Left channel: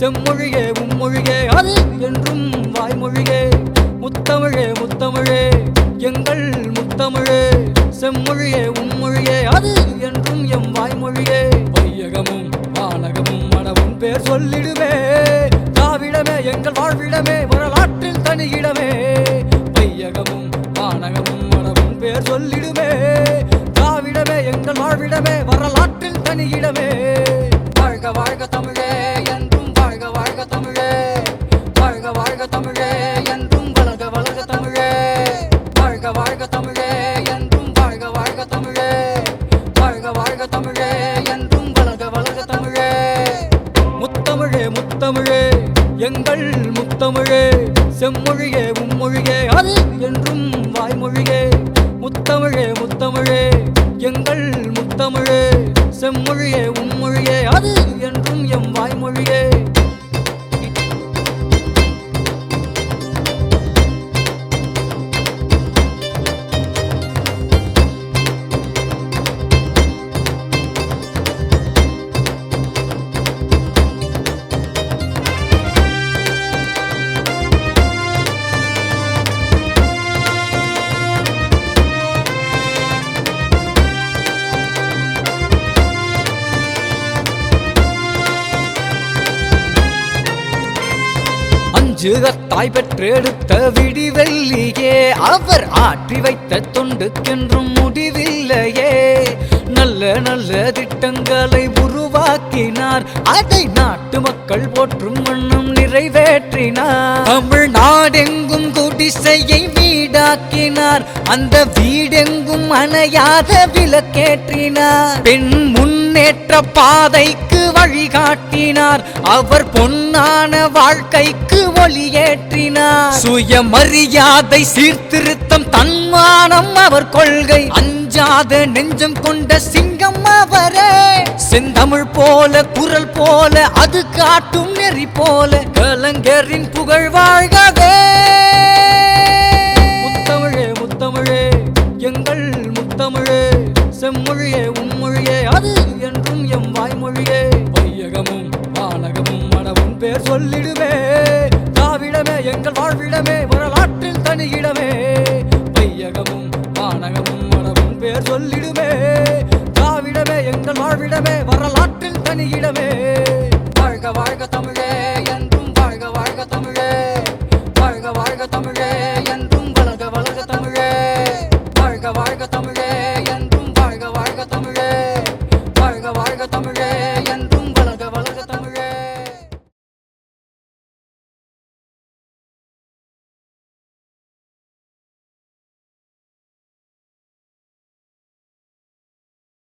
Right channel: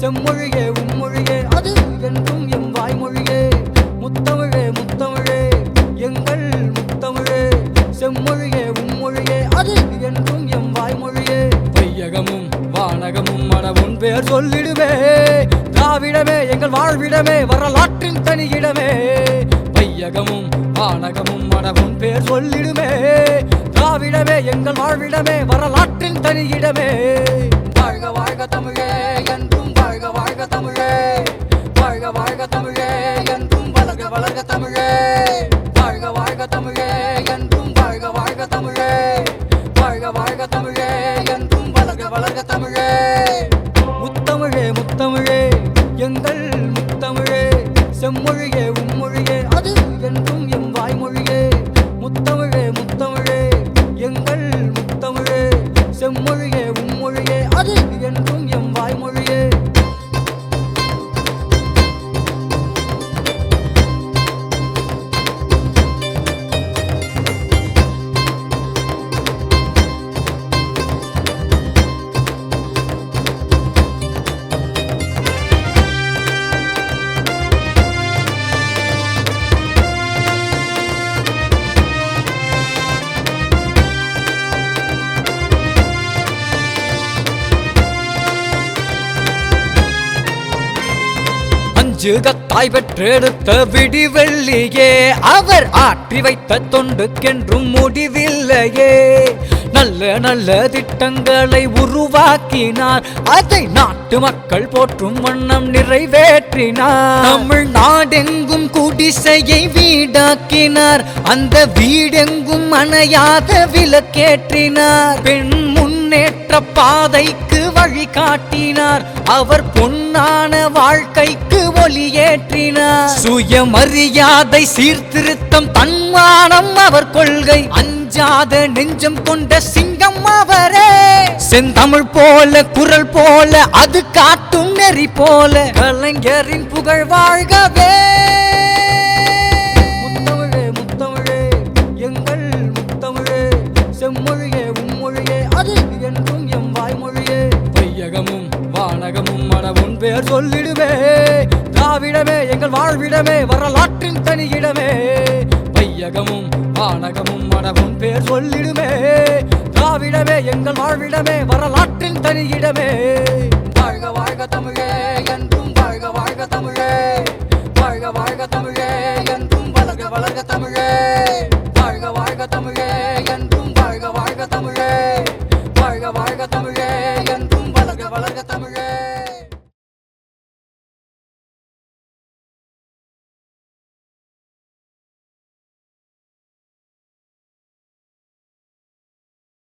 செம்மொழியே உம்மொழியே அது என்றும் வாய்மொழியே முத்தமிழே முத்தமிழே எங்கள் முத்தமிழே. செம்மொழியே உம்மொழியே அது என்றும் எம் வாய்மொழியே பொய்யகமும் வானகமும் மனமும் பேர் சொல்லிடுவே காவிடமே எங்கள் வாழ்விடமே வரலாற்றில் தனியிடமே. பையகமும் வானகமும் மனமும் பேர் சொல்லிடுமே. எங்கள் முத்தமிழே செம்மொழியே உம்மொழியே அது என்றும் வாய்மொழியே. முத்தமிழே முத்தமிழே எங்கள் முத்தமிழே செம்மொழியே உம்மொழியே அஞ்சு பெற்றெடுத்த விடிவெள்ளியே அவர் ஆற்றி வைத்த தொண்டுக்கென்றும் முடிவில்லையே. நல்ல நல்ல திட்டங்களை உருவாக்கினார் அதை நாட்டு மக்கள் போற்றும் வண்ணம் நிறைவேற்றினார். தமிழ்நாடெங்கும் குடிசையை வீடாக்கினார் அந்த வீடெங்கும் அணையாக விளக்கேற்றினார். பெண் முன்னேற்ற பாதைக்கு வழிகாட்டினார் அவர் பொன்னான வாழ்க்கைக்கு ஒளியேற்றினார் சுயமரியாதை சீர்திருத்தம் தன்மானம் அவர் கொள்கை. அஞ்சாத நெஞ்சம் கொண்ட சிங்கம் அவரே. செந்தமிழ் போல குரல் போல அது காட்டும் நெறி போல. கலைஞரின் புகழ் வாழ்கவே. கனகமும் உனவும் பேர் சொல்லிடுமே. திராவிடமே எங்கள் வாழ்விடமே வரலாற்றில் தனியிடமே. வாழ்க வாழ்க தமிழே என்றும் வாழ்க வாழ்க தமிழே. வாழ்க வாழ்க தமிழே.